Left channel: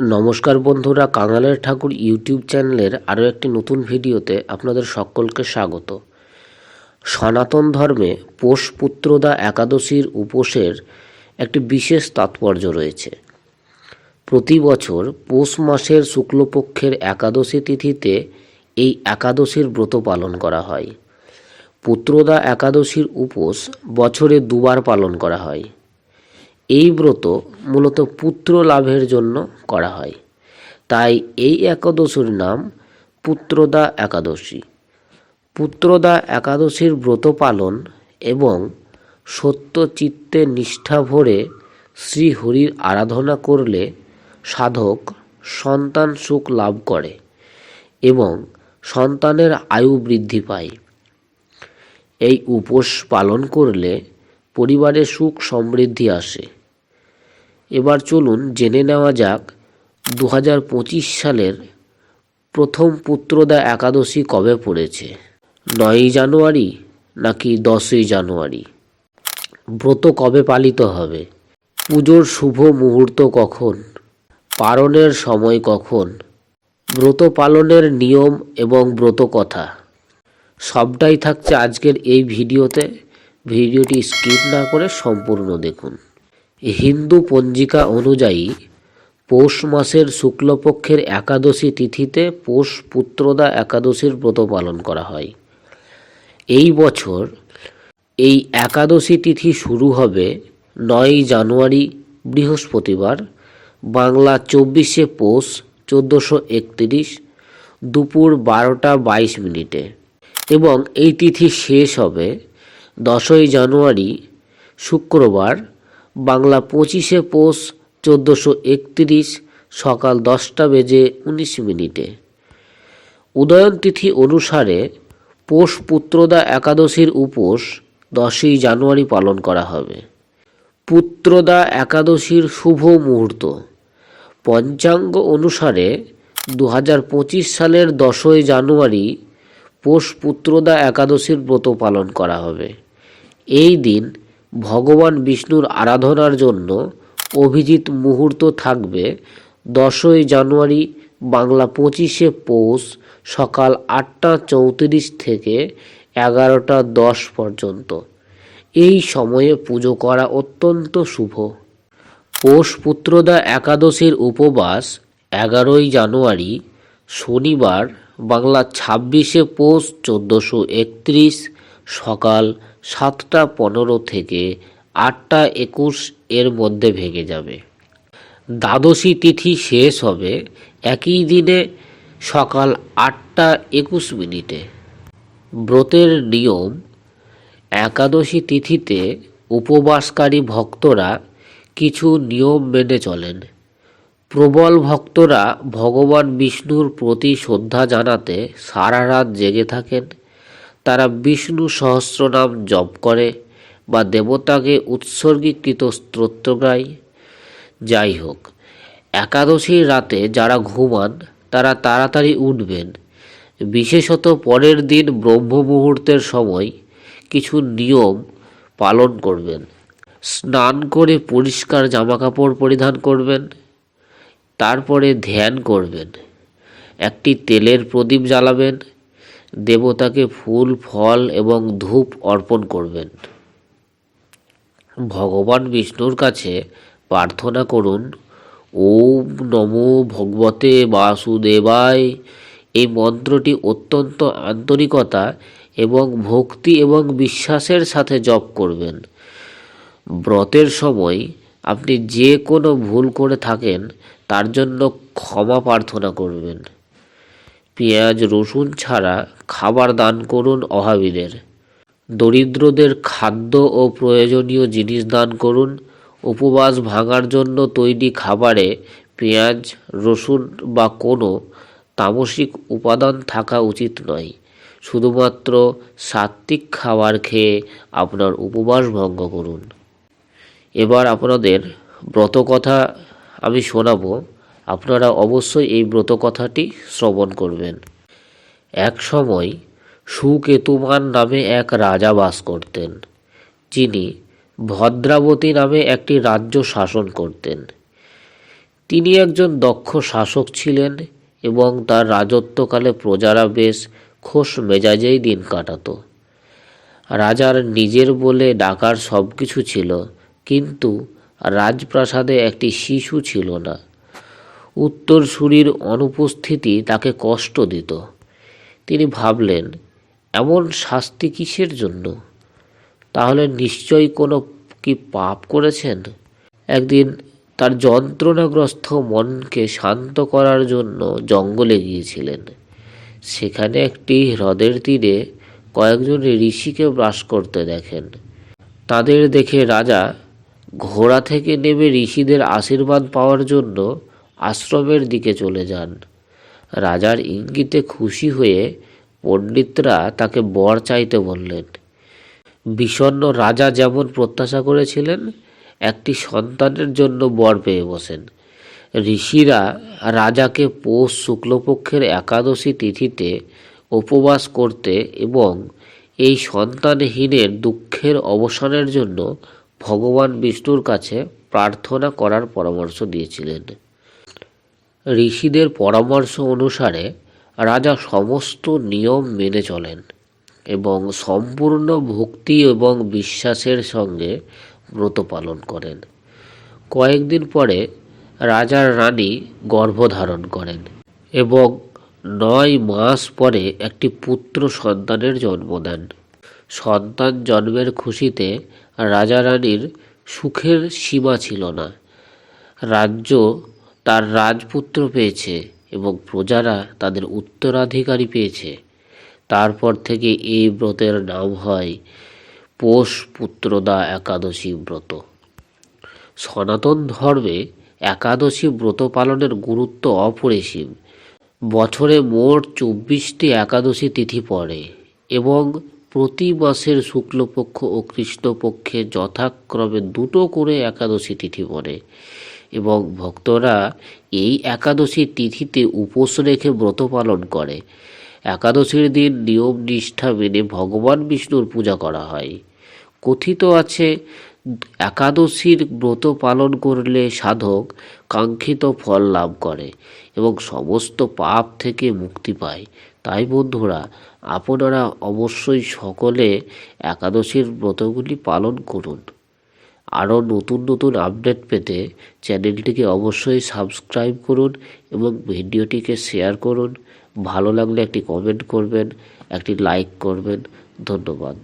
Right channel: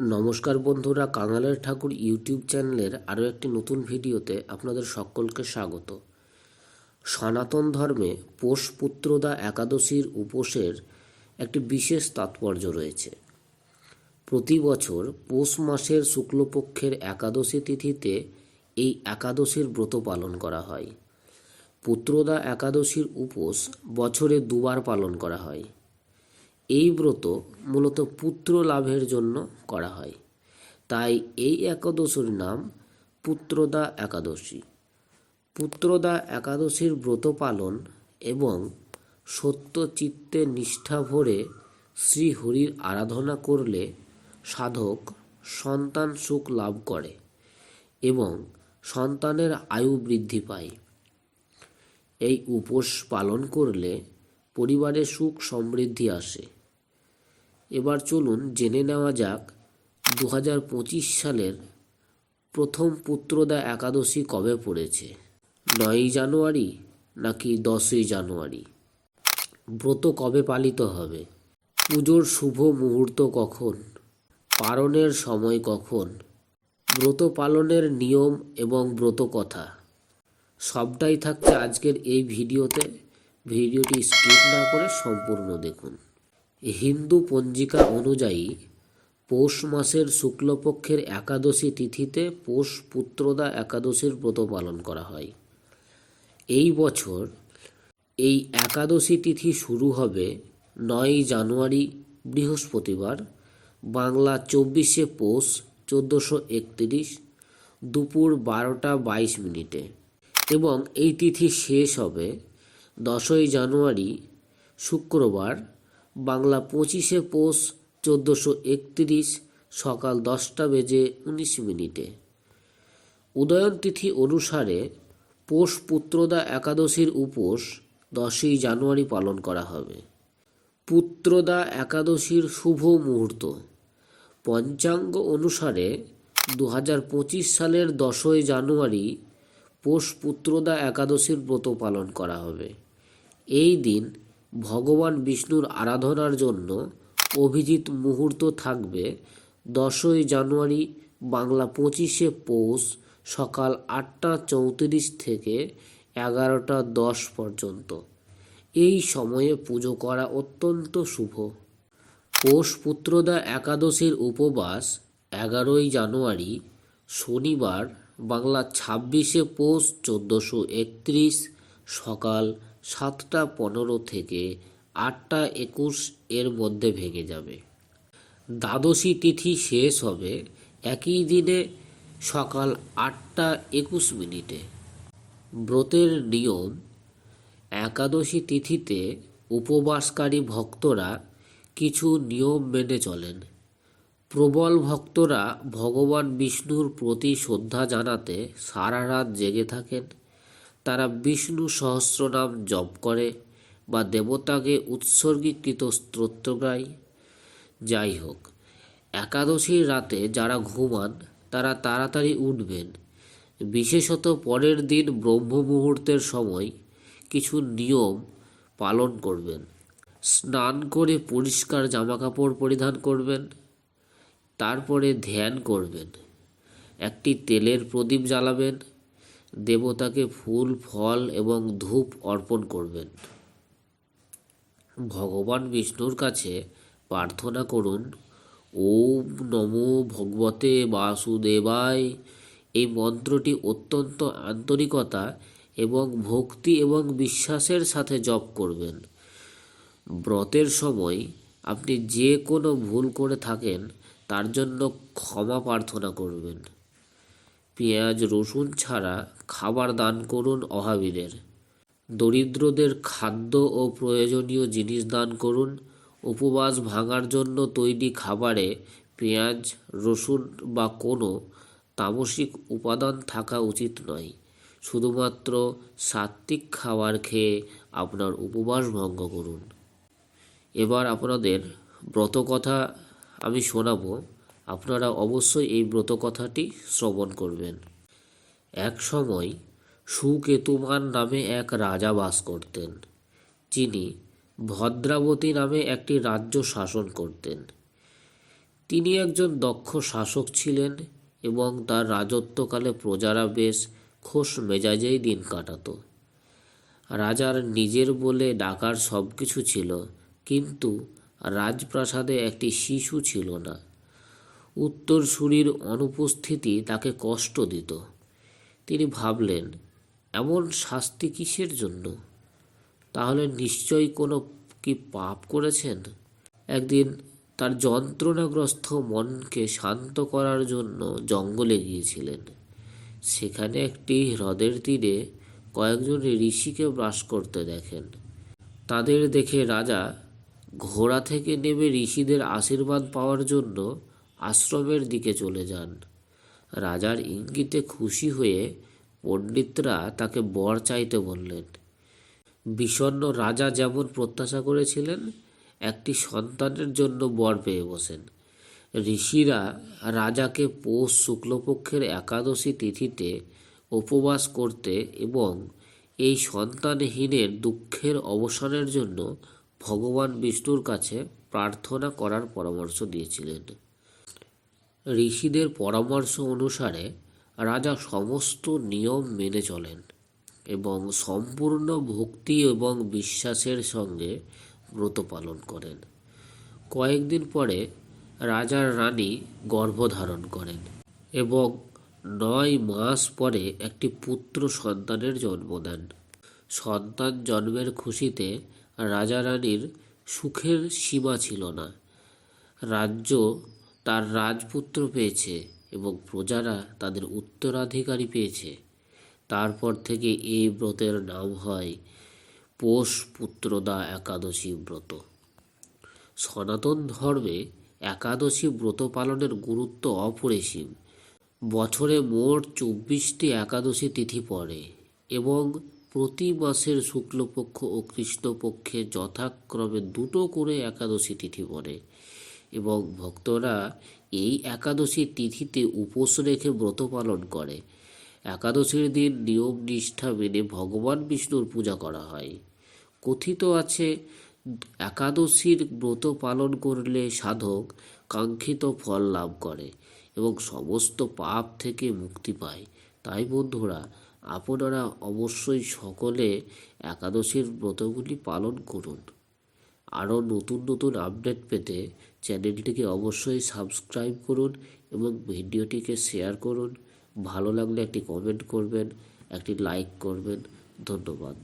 নমস্কার বন্ধুরা, কাঙালের ঠাকুর ইউটিউব চ্যানেলের আরও একটি নতুন ভিডিওতে আপনাদের সকলকে স্বাগত। সনাতন ধর্মে পোষ পুত্রদা একাদশীর উপোসের একটি বিশেষ তাৎপর্য রয়েছে। প্রতি বছর পৌষ মাসের শুক্লপক্ষের একাদশী তিথিতে এই একাদশীর ব্রত পালন করা হয়। পুত্রদা একাদশীর উপোস বছরে দুবার পালন করা হয়। এই ব্রত মূলত পুত্র লাভের জন্য করা হয়। তাই এই একাদশীর নাম পুত্রদা একাদশী। পুত্রদা একাদশীর ব্রত পালন এবং সত্য চিত্তে নিষ্ঠা ভরে শ্রীহরির আরাধনা করলে সাধক সন্তান সুখ লাভ করে এবং সন্তানের আয়ু বৃদ্ধি পায়। এই উপোস পালন করলে পরিবারে সুখ সমৃদ্ধি আসে। এবার চলুন জেনে নেওয়া যাক দু হাজার পঁচিশ সালের প্রথম পুত্রদা একাদশী কবে পড়েছে। নয়ই জানুয়ারি নাকি দশই জানুয়ারি? ব্রত কবে পালিত হবে? পুজোর শুভ মুহূর্ত কখন? পালনের সময় কখন? ব্রত পালনের নিয়ম এবং ব্রত কথা। সবটাই থাকছে আজকের এই ভিডিওতে। ভিডিওটি স্কিপ না করে সম্পূর্ণ দেখুন। হিন্দু পঞ্জিকা অনুযায়ী পৌষ মাসের শুক্লপক্ষের একাদশী তিথিতে পৌষ পুত্রদা একাদশীর ব্রত পালন করা হয়। এই বছর এই একাদশী তিথি শুরু হবে নয়ই জানুয়ারি, বৃহস্পতিবার, বাংলা চব্বিশে পৌষ, চোদ্দোশো একত্রিশ, দুপুর বারোটা বাইশ মিনিটে। এবং এই তিথি শেষ হবে দশই জানুয়ারি, শুক্রবার বাংলা পঁচিশে পৌষ চোদ্দোশো একত্রিশ সকাল দশটা বেজে উনিশ মিনিটে। উদয়ন তিথি অনুসারে পৌষ পুত্রদা একাদশীর উপোস দশই জানুয়ারি পালন করা হবে। পুত্রদা একাদশীর শুভ মুহূর্ত। পঞ্চাঙ্গ অনুসারে দু হাজার পঁচিশ সালের দশই জানুয়ারি পৌষ পুত্রদা একাদশীর ব্রত পালন করা হবে। এই দিন ভগবান বিষ্ণুর আরাধনার জন্য অভিজিৎ মুহূর্ত থাকবে দশই জানুয়ারি বাংলা পঁচিশে পৌষ সকাল আটটা চৌত্রিশ থেকে এগারোটা দশ পর্যন্ত। এই সময়ে পুজো করা অত্যন্ত শুভ। পৌষ পুত্রদা একাদশীর উপবাস এগারোই জানুয়ারি শনিবার বাংলা ছাব্বিশে পৌষ চোদ্দোশো একত্রিশ সকাল সাতটা পনেরো থেকে আটটা একুশ এর মধ্যে ভেঙে যাবে। দ্বাদশী তিথি শেষ হবে একই দিনে সকাল আটটা একুশ মিনিটে। ব্রতের নিয়ম, একাদশী তিথিতে উপবাসকারী ভক্তরা কিছু নিয়ম মেনে চলেন। প্রবল ভক্তরা ভগবান বিষ্ণুর প্রতি শ্রদ্ধা জানাতে সারা রাত জেগে থাকেন। তারা বিষ্ণু সহস্রনাম জপ করে বা দেবতাকে উৎসর্গীকৃত স্তোত্র গায়। যাই হোক, একাদশীর রাতে যারা ঘুমান, তারা তাড়াতাড়ি উঠবেন। বিশেষত পরের দিন ব্রহ্ম মুহূর্তের সময় কিছু নিয়ম পালন করবেন। স্নান করে পরিষ্কার জামাকাপড় পরিধান করবেন। তারপরে ধ্যান করবেন। একটি তেলের প্রদীপ জ্বালাবেন। দেবতাকে ফুল, ফল এবং ধূপ অর্পণ করবেন। ভগবান বিষ্ণুর কাছে প্রার্থনা করুন, ওম নমো ভগবতে বাসুদেবায়। এই মন্ত্রটি অত্যন্ত আন্তরিকতা এবং ভক্তি এবং বিশ্বাসের সাথে জপ করবেন। ব্রতের সময় আপনি যে কোনো ভুল করে থাকেন, তার জন্য ক্ষমা প্রার্থনা করবেন। পেঁয়াজ, রসুন ছাড়া খাবার দান করুন অভাবীদের দরিদ্রদের খাদ্য ও প্রয়োজনীয় জিনিস দান করুন। উপবাস ভাঙার জন্য তৈরি খাবারে পেঁয়াজ, রসুন বা কোনো তামসিক উপাদান থাকা উচিত নয়। শুধুমাত্র সাত্ত্বিক খাবার খেয়ে আপনার উপবাস ভঙ্গ করুন। এবার আপনাদের ব্রত কথা আমি শোনাবো। আপনারা অবশ্যই এই ব্রত কথাটি শ্রবণ করবেন। এক সময় সুকেতুমান নামে এক রাজা বাস করতেন। যিনি ভদ্রাবতী নামে একটি রাজ্য শাসন করতেন। তিনি একজন দক্ষ শাসক ছিলেন এবং তার রাজত্বকালে প্রজারা বেশ খোশ মেজাজেই দিন কাটাত। রাজার নিজের বলে ডাকার সব কিছু ছিল, কিন্তু রাজপ্রাসাদে একটি শিশু ছিল না। উত্তরসূরির অনুপস্থিতি তাকে কষ্ট দিত। তিনি ভাবলেন, এমন শাস্তি কিসের জন্য? তাহলে নিশ্চয়ই কোনো কি পাপ করেছেন? একদিন তার যন্ত্রণাগ্রস্ত মনকে শান্ত করার জন্য জঙ্গলে গিয়েছিলেন। সেখানে একটি হ্রদের তীরে কয়েকজন ঋষিকে বাস করতে দেখেন। তাদের দেখে রাজা ঘোড়া থেকে নেমে ঋষিদের আশীর্বাদ পাওয়ার জন্য আশ্রমের দিকে চলে যান। রাজার ইঙ্গিতে খুশি হয়ে পণ্ডিতরা তাকে বর চাইতে বললেন, বিষণ্ণ রাজা যেমন প্রত্যাশা করেছিলেন, একটি সন্তানের জন্য বর পেয়ে বসেন। ঋষিরা রাজাকে পৌষ শুক্লপক্ষের একাদশী তিথিতে উপবাস করতে এবং এই সন্তানহীনের দুঃখের অবসানের জন্য ভগবান বিষ্ণুর কাছে প্রার্থনা করার পরামর্শ দিয়েছিলেন। ঋষিদের পরামর্শ অনুসারে রাজা সমস্ত নিয়ম মেনে চলেন এবং সম্পূর্ণ ভক্তি এবং বিশ্বাসের সঙ্গে ব্রত পালন করেন। কয়েকদিন পরে রাজার রানী গর্ভধারণ করেন এবং নয় মাস পরে একটি পুত্র সন্তানের জন্ম দেন। সন্তান জন্মের খুশিতে রাজা রানীর সুখের সীমা ছিল না। রাজ্য তার রাজপুত্র পেয়েছে এবং প্রজারা তাদের উত্তরাধিকারী পেয়েছে। তারপর থেকে এই ব্রতের নাম হয় পৌষ পুত্রদা একাদশী ব্রত। সনাতন ধর্মে একাদশী ব্রত পালনের গুরুত্ব অপরিসীম। বছরে মোট চব্বিশটি একাদশী তিথি পড়ে এবং প্রতি মাসের শুক্লপক্ষ ও কৃষ্ণপক্ষে যথাক্রমে দুটো করে একাদশী তিথি পড়ে। এবং ভক্তরা এই একাদশী তিথিতে উপোস রেখে ব্রত পালন করে। একাদশীর দিন নিয়ম নিষ্ঠা মেনে ভগবান বিষ্ণুর পূজা করা হয়। কথিত আছে, একাদশীর ব্রত পালন করলে সাধক কাঙ্ক্ষিত ফল লাভ করে এবং সমস্ত পাপ থেকে মুক্তি পায়। তাই বন্ধুরা, আপনারা অবশ্যই সকলে একাদশীর ব্রতগুলি পালন করুন। আরও নতুন নতুন আপডেট পেতে চ্যানেলটিকে অবশ্যই সাবস্ক্রাইব করুন এবং ভিডিওটিকে শেয়ার করুন। ভালো লাগলে একটি কমেন্ট করবেন, একটি লাইক করবেন। ধন্যবাদ।